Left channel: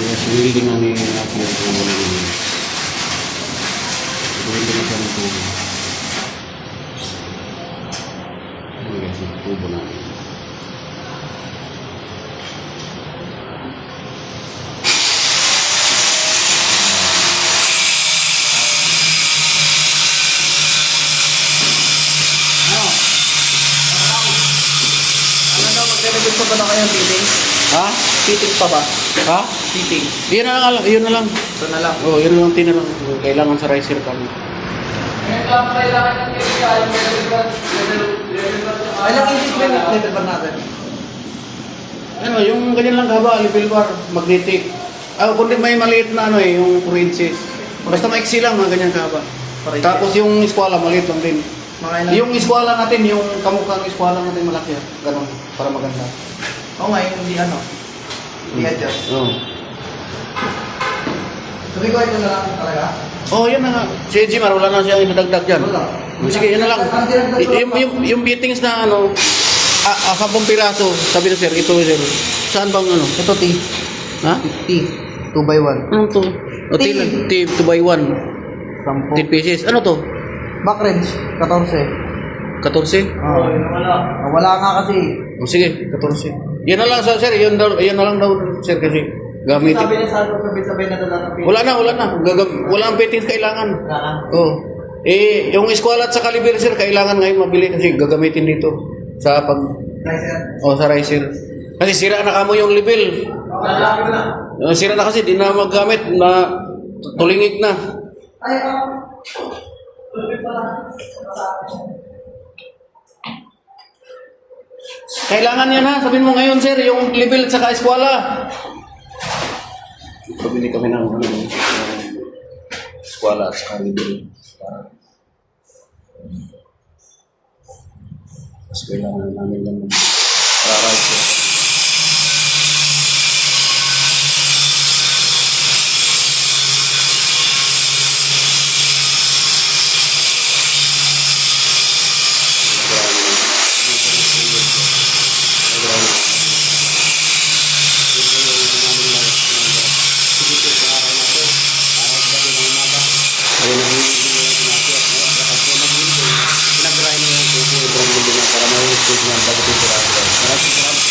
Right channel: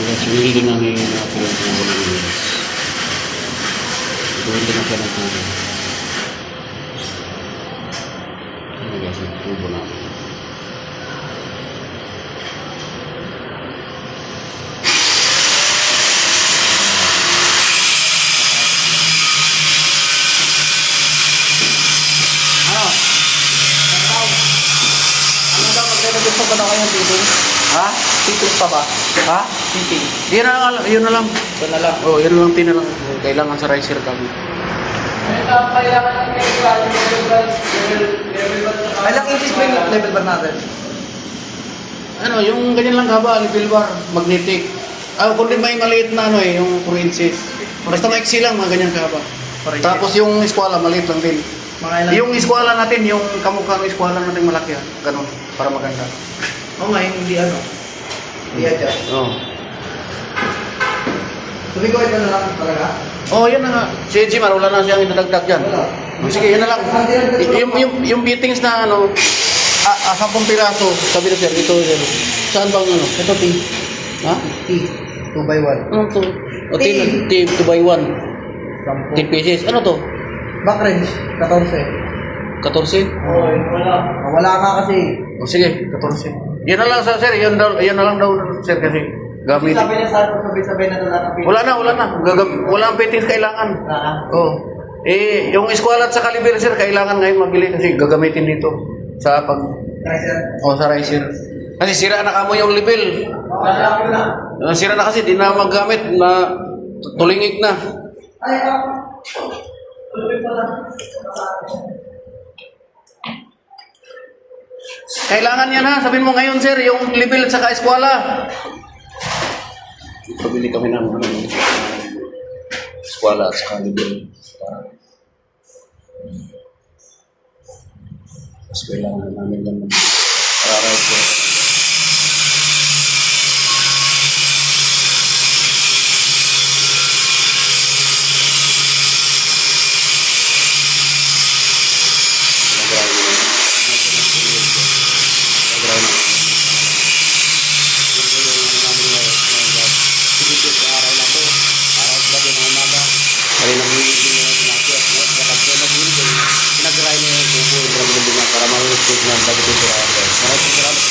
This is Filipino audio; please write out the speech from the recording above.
Tapos welding ang natin yung tubo na yun. Welding na siya ng tubo. Ano guys, yung tubo natin. Gusto ba na kayo fitting? Ha? Fitting pa ba? Ha? Fitting. Yun na lang, yun na lang. Ito na lang. Oh, yun lang tinalang. Kailangan sa riser kami. Kailangan ng ilang inches ba yung level bar natin? Ano, yung ganyan lang haba, level bar, magnetic. Ah, kundi may maliit na ano yung 4 inches. Basta maiksi lang, mga ganyan kahaba. Tapos yung eskwala, maliit lang din. Mga ilang? Yung eskwala natin, yung kamukhang eskwala natin malaki, ganun, para maganda. Oo nga, yung hindi ano. Hindi adjust. Oo. Sabi ko ito na lang talaga. Oh, yan na nga. Si Jimar, wala na siyang idadagdag dyan. Wala. Sige, yun na lang. Yung fittings na ano, 10 piraso, sabi na sir, ito sir. Saan bang ano? Ito T. Ha? T. 2x1. Ano to? O, T 2x1. 10 pieces. Ano to? Back range, 14. 14? Oo, wala. Wala nga kasi. O, sige, 14. Yan na lang sir, yan na lang daw sir kasi gamit. Sabi na sa sabay-sabay na doon natin. Wala na. Wala ang fittings kailangan. Wala na. Oh. Yung eskwala at sa caliber sir, kailangan ngayon mabili kasi gagamitin dito sa pag Riser. sa riser. Kasi sira na kamo yung level. Lalaki na. Sira na kasi di na maggamit na tulingig na. Ay, tuloy pala. Kailangan yan ha. Sabihin mo ngayon sir, yung level at saka eskwala. Pabili kami ng eskwala at saka level. Mas kailangan namin lang para riser. Ay, nag-welding na yung pinakit. Kapag nag-welding, pinag-dry na yung tubo, i-drag na para may stage na bago ito. Maraming salamat.